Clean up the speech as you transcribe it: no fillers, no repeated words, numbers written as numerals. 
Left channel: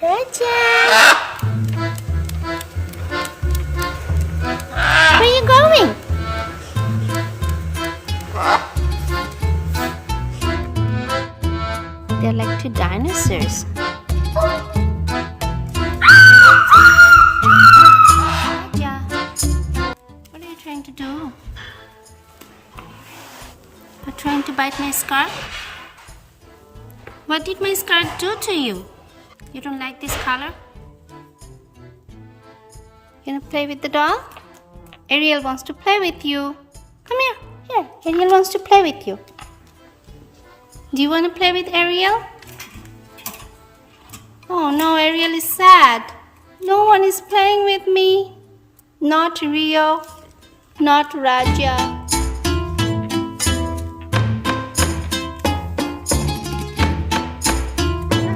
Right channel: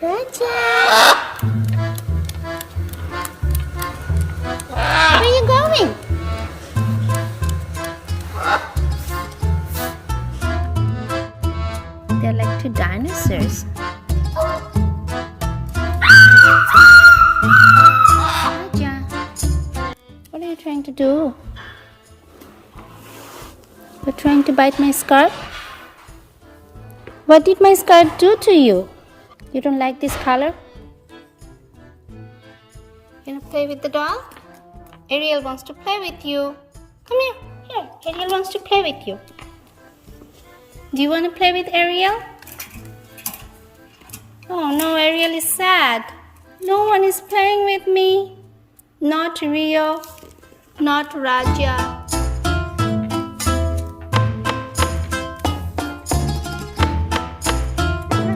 Raja! Where are you going? They're like two dinosaurs. Raja, what are you trying to do? You're trying to bite my scarf? What did my scarf do to you? You don't like this color? You wanna play with the doll? Ariel wants to play with you. Come here. Here, Ariel wants to play with you. Do you want to play with Ariel? Oh no, Ariel is sad. No one is playing with me. Not Rio, not Raja.